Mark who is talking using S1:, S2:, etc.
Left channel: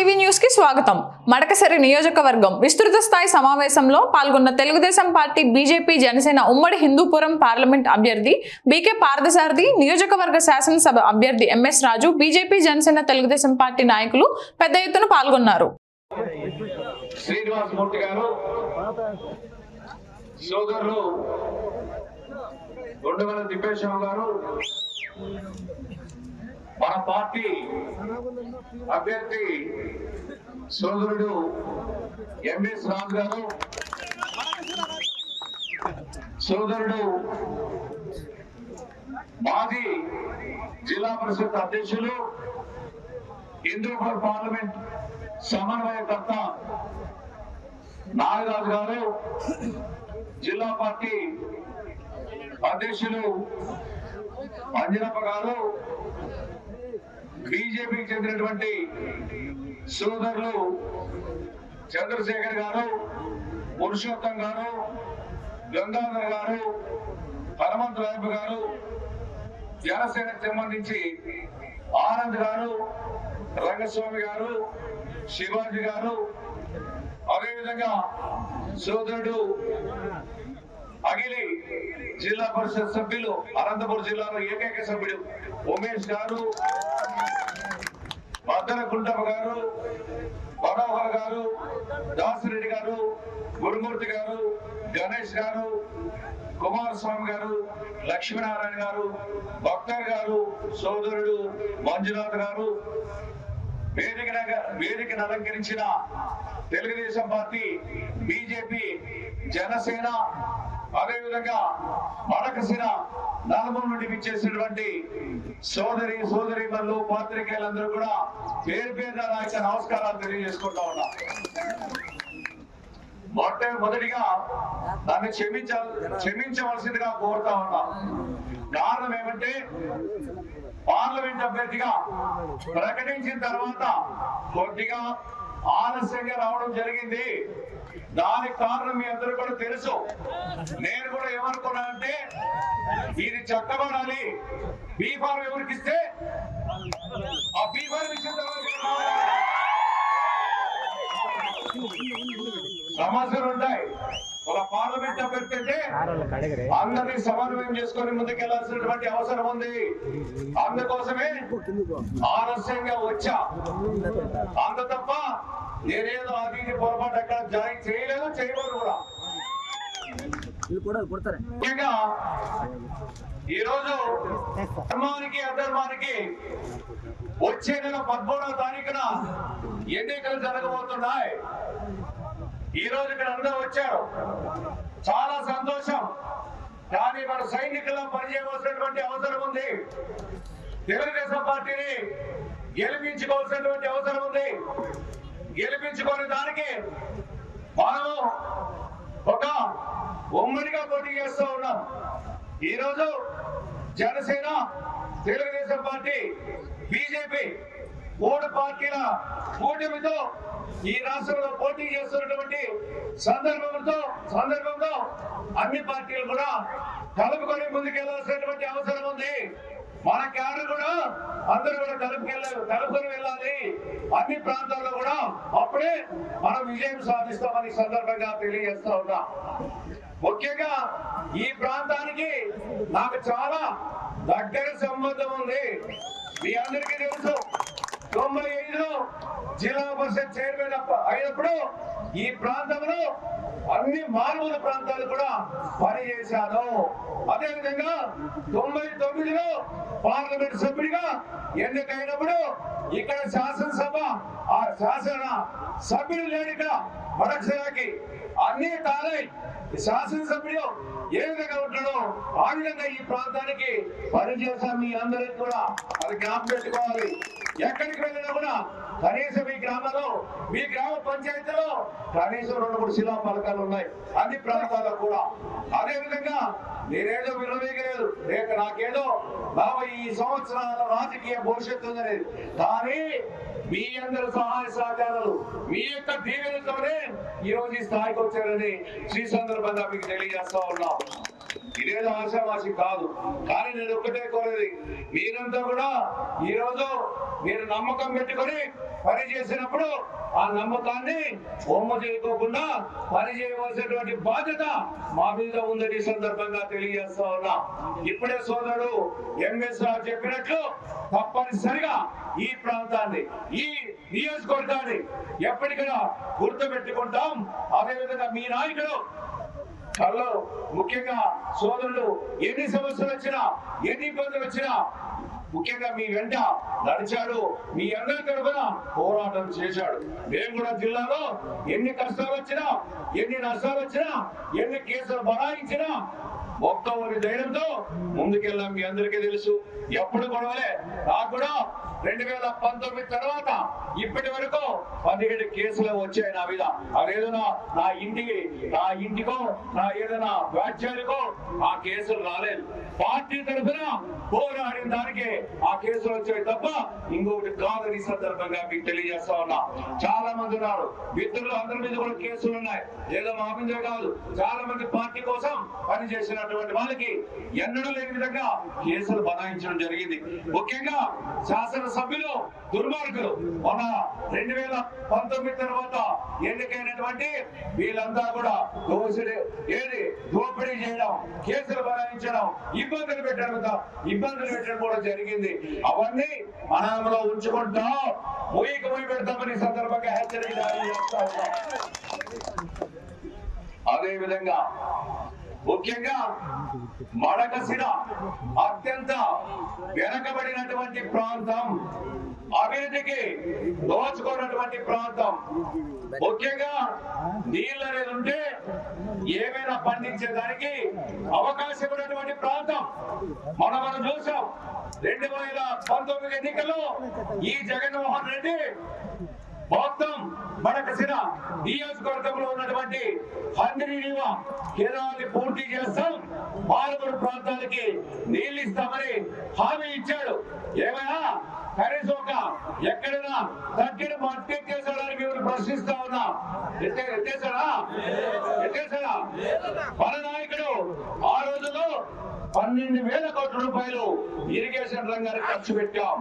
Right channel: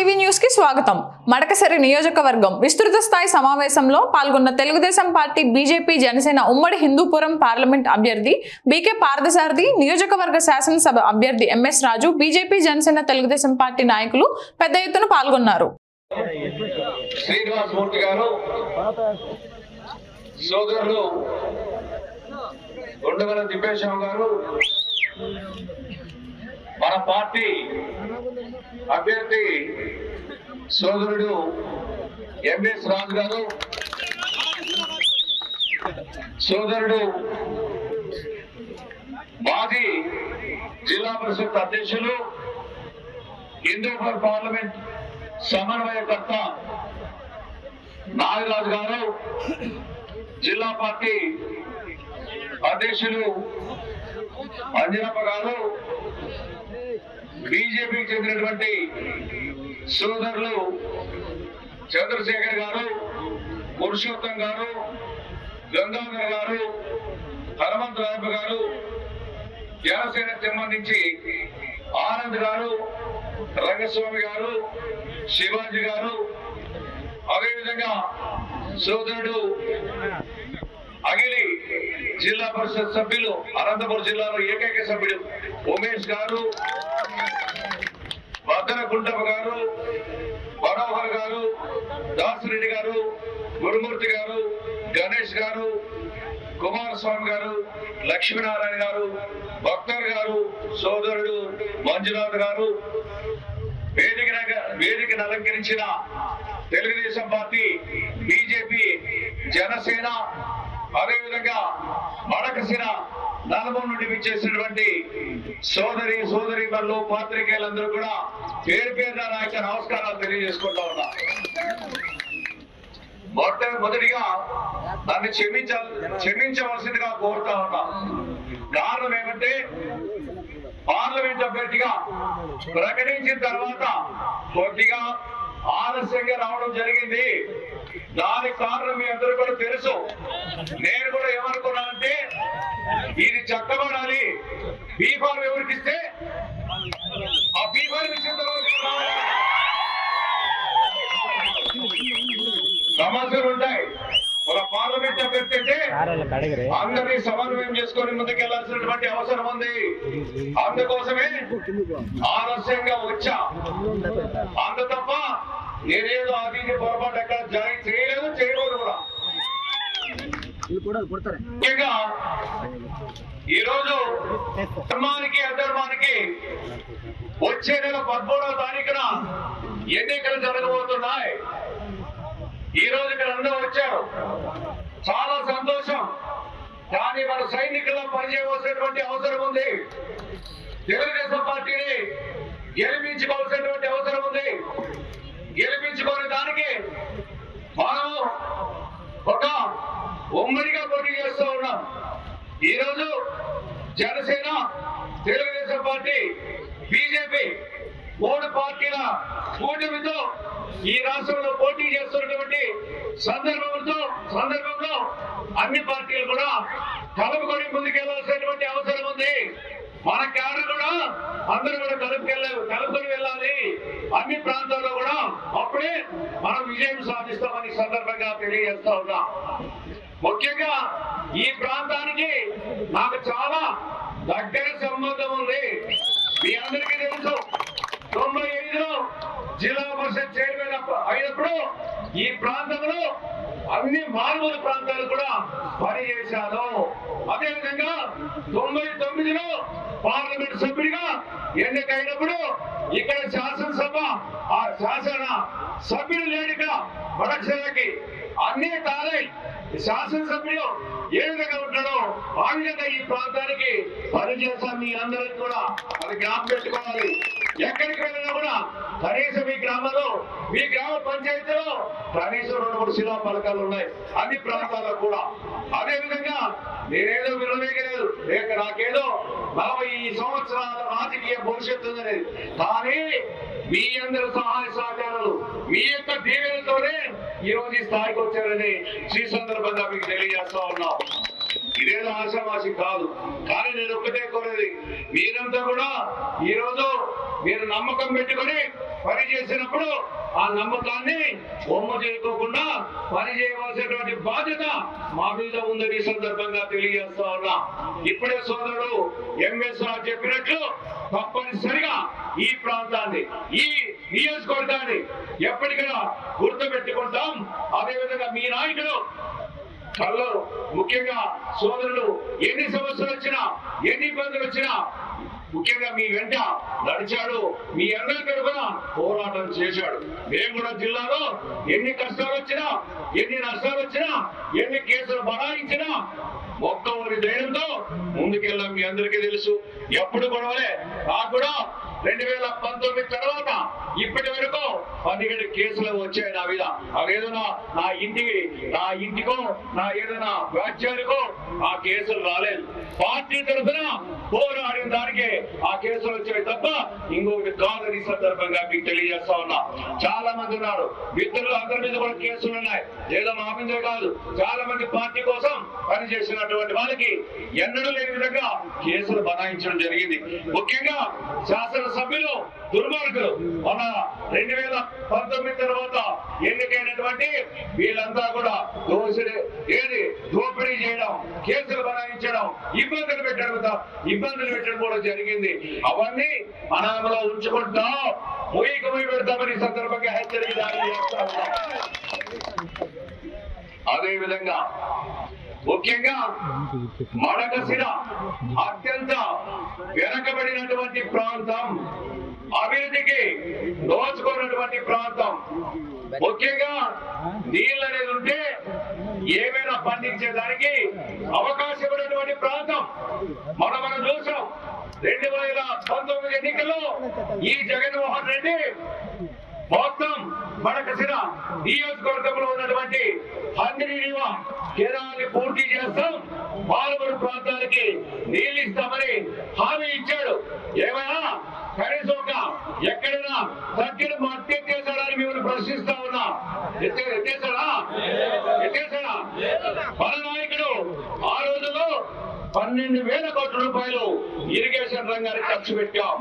S1: TV న్యూస్కి స్వాగతం. మడకసరి నియోజకవర్గం విస్తృత స్థాయి సమావేశంలో పాల్గొన్న తెలుగుదేశం పార్టీ బీజేపీ జనసేన ఉమ్మడి హిందూపురం పార్లమెంట్ అభ్యర్థి బీకే పార్థసారథి నియోజకవర్గ శాసనసభ అభ్యర్థి MS Raju BJP Janasena Telugu Desam party నాయకులు పెద్ద ఎత్తున పాల్గొన్నారు.
S2: గారు సోదరులు గుండెగల తిప్పేశ్వర గారు మన పార్టీ అభ్యర్థి సోదరుడు ఎంఎస్ రాజు గారు సోదరుడు మాజీ జిల్లా పరిషత్ అధ్యక్షులు హిందూపూర్ పార్లమెంట్ సమన్వయకర్త నాగరాజు గారు జిల్లా పార్టీ అధ్యక్షులు అంజనప్ప గారు బీజేపీకి చెందినటువంటి సోదరులు చంద్రశేఖర్ గారు పురుషోత్తం గారు గంగాధర్ గారు హనుమంత్ రాయప్ప గారు జనసేనకు సంబంధించి ఆనంద్ గారు రంగస్వామి గారు శివాజీ గారు అదేవిధంగా సోదరుడు అగిలి జిల్లా పరిషత్ సభ్యులు అనంతపురం జిల్లాలో ఏకైక సభ్యుడు ఉమేష్ గారు భద్ర కుంటప్ప గారు మనోహర్ గారు దాసిరెడ్డి గారు గురుమూర్తి గారు గణేష్ గారు కుమారస్వామి గారు లక్ష్మీనారాయణ గారు భక్తర్ గారు సోదరుడు మంజునాథ్ గారు వేదిక వేదికను అలంకరించిన తెలుగుదేశం పార్టీ బీజేపీ జనసేన అదేవిధంగా మడకసేన నలభం నుండి విచ్చేసినటువంటి సోదరి సోదరి పనులు పాత్రికేయులందరూ కూడా పేరు పేరు నా యొక్క నమస్కారాలు తెలియజేసుకుంటా ఉన్నా. మొట్టమొదటిగా నన్ను క్షమించాలి క్షమించవలసిందిగా కోరుతా ఉన్నా. కారణం ఏమంటే పార్లమెంట్ అభ్యర్థిగా ప్రకటించిన తర్వాత కొద్దిగా ఆలస్యంగా రావడం జరిగింది. దానికి కారణం మీ అందరూ కూడా తెలుసు. నేను కూడా సమస్యలు ఉంటాయి. ఒక పార్లమెంట్ అభ్యర్థి అంటే అందరినీ సమన్వయం చేసుకొని ముందుకెళ్ళాల్సినటువంటి అవసరం ఉంది. అందుకోసమే ఆలస్యంగా వచ్చా. అంత తప్ప నేనేదో అది పొరపాటు ఎక్కడ జాయిన్ చేయలేదు చేయకూడదు కూడా. ముఖ్యంగా ఈరోజు ధర్మానికి అధర్మానికి వచ్చే నెల పదమూడవ తారీఖున ఎన్నికలు జరగబోతున్నాయి. ఈ రోజు ఇక్కడ అందరూ వచ్చారు. చాలా సంతోషం. కానీ మన సైనికుల్లో పనిచేయవలసినటువంటి అవసరం ఉంది. తెలుగుదేశం పార్టీని గెలిపించుకోవాల్సినటువంటి అవసరం ఉంది. గెలిపించుకునే దానికి మనము ఒక ఉమ్మడిగా పోటీ చేస్తూ ఉన్నాం. ఈరోజు జనసేన తెలుగుదేశం పార్టీ బీజేపీ మూడు పార్టీల కూటమితో ఈ రాష్ట్రంలో పోటీ చేస్తున్నటువంటి సందర్భంతో సందర్భంలో అన్ని పార్టీలు కూడా కలుపుకొని ముందుకెళ్ళాల్సినటువంటి అవసరం ఉంది. మన క్యాడర్ కూడా అందరూ కూడా కలుపుకెళ్ళారు కలుపుకొని వెళ్ళాలి. అన్ని ప్రాంతాల్లో కూడా అప్పుడే మనం విజయం సాధిస్తామని సందర్భంగా తెలియజేస్తా ఉన్నా. ముఖ్యంగా ఈ ప్రాంతానికి నాకు చాలా దగ్గర సంబంధం ఉంది. మీ అందరికీ తెలుసు తొంభై ఐదులో జిల్లా పరిషత్ చైర్మన్ అయినప్పుడు ఈ ప్రాంతంలో అన్ని మారుమూల ప్రాంతాలు కూడా పనిచేశాను అదేవిధంగా తొంభై తొమ్మిదిలో పార్లమెంట్ సభ్యుడిగా ఎన్నికైనప్పుడు ఇక్కడ శాసనసభ ఆ శాసన సభ్యుడు లేడు ఇక్కడ వడక్షరాకి అన్ని తారై శాసనసభ్యుడు ఏ విధంగా ఉంటాడో ఆ విధంగా ఈ ప్రాంతానికి పనిచేశాను మీ అందరికి కూడా. అది జ్ఞాపకం పెట్టుకోవాలి. ఎక్కడికి వెళ్ళినా కూడా కనీసం ఈ గ్రామంలో మీ గ్రామ పంచాయతీలో కనీసం రెండు మూడు శిలా పథకాలు ఉన్నాయి. అన్ని ప్రాంతాల్లో కూడా. అదే విధంగా నేనేదో వినవేయలేదు. లేక నాకేదో నలభై ఈ సంవత్సరాల రాజకీయ భవిష్యత్తు అనేది కానీ మీ అందరి సహాయ సహకారాలు మీ యొక్క దీవెనతోనే ఈ రోజు ఈ స్థాయికి వచ్చారని శ్రీ సందర్భంగా మీకు తెలియజేస్తా ఉన్నాం. ఇదేదో ఆశావాసి కాదు. కానీ నేను ఒక్కటే కోరేది. మీరంతా కూడా ఈ రోజు మీరు నమ్మకం పెట్టుకొని పని చేసినప్పుడు ఆ నమ్మకాన్ని బొమ్మ చేయకోకుండా పని చేయవలసినటువంటి బాధ్యత మా మీద ఉందని సందర్భంగా తెలియజేస్తా ఉన్నా. ఇప్పుడే సోదరుడు ఎంఎస్ రావు చెప్పినట్లు తప్పనిసరిగా ఈ ప్రాంతాన్ని ఈ నియోజకవర్గాన్ని ఎప్పటికైనా గుర్తుపెట్టుకుంటాం. అదేవిధంగా మీ నాయకుడు కళ్ళు ముఖ్యంగా సోదరులు ఎన్ని సమస్యలు వచ్చినా ఎన్ని ఇబ్బందులు వచ్చినా ముఖ్యంగా మీ వెంట నడిచాడు. మీ అందరి తరఫున పోరాటం చేశాడు. మేము కూడా జిల్లాలో ఎన్ని కష్టాలు వచ్చినా ఎన్ని నష్టాలు వచ్చినా ఎన్ని కేసులు బనాయించినా మొత్తం వారి ధైర్యంతో ముందుకెళ్ళాం. మీ అందరికీ తెలుసు. ఎప్పుడు గొడవలే. నాకు కూడా రెండు వేల పంతొమ్మిది తర్వాత ఇప్పటి వరకు పదిహేడు కేసులు వచ్చాయి నా మీద. అదేదో నా- ఇంటికి నా ఇంటికో నా ఏదైనా వ్యాఖ్యానికో ఆ కేసులు రాలేదు. పార్టీ తరఫున పోరాడిన దానికి ఆ కేసులు వచ్చాయి తప్ప ఇంకొకటి కాదు ఈ సందర్భంగా మీకు తెలియజేస్తా ఉన్నా. చాలా మంది ఉన్నారు. మిత్రులు అందరి మీద కూడా కేసులు ఉన్నాయి. ఏదో మా మీదే కాదు. చాలా మంది పార్టీ కోసం పనిచేసినటువంటి వాళ్ళకి ఎన్నడూ లేని విధంగా కేసులు బనాయించడం జరిగింది. ముఖ్యంగా శాసన సభ్యులు దుర్మార్గులు. మన రెండు వేల పంతొమ్మిది తర్వాత ఎన్నికైనటువంటి వీళ్ళంతా కూడా దోషులు. ఏది? దోపిడీ చేయడం కేసులు బనాయించడం ఇబ్బందులు పెట్టడం ఇబ్బందులు పెట్టడం కూడా జరిగింది. అవన్నీ మనంలో ఉంచుకుంటాం ముయ్యకు ముయ్యి పెడతామని సందర్భంగా హెచ్చరిక జారీ చేస్తా ఉన్నాం. అదే విధంగా ముఖ్యంగా మడకశిర అత్యంత వెనకబడినటువంటి ప్రాంతం. అభివృద్ధికి దోచుకున్నటువంటి ప్రాంతం. ముఖ్యంగా నీళ్ళు అనేది ఉంటే ఏమైనా పండించేదానికి అవకాశం ఉన్నటువంటి ప్రాంతం. మనం మనం చూసాం రెండు వేల పంతొమ్మిది ఎన్నికల్లో ఈ జగన్మోహన్ రెడ్డి మొత్తం మడకసిన నియోజకవర్గంలో ఉన్నటువంటి హంద్రీనివా కేరాన్ని పూర్తి చేస్తాం. పాలమూరు ప్రాంతానికి నీళ్ళు ఇస్తామని హామీ ఇచ్చాడు. ఏమైనా కనీసం ఒక ఎక్కడైనా తగ్గిన మట్టి ఎత్తేసాడని మేము ప్రశ్నిస్తా ఉన్నా. ఎత్తే ఎత్తేసాడా ఎత్తేసాడా మన నాయకుడు ఆ రోజులో పన్నెండు వేల కోట్ల రూపాయలు ఇరిగేషన్ రంగానికి ఖర్చు పెట్టాం.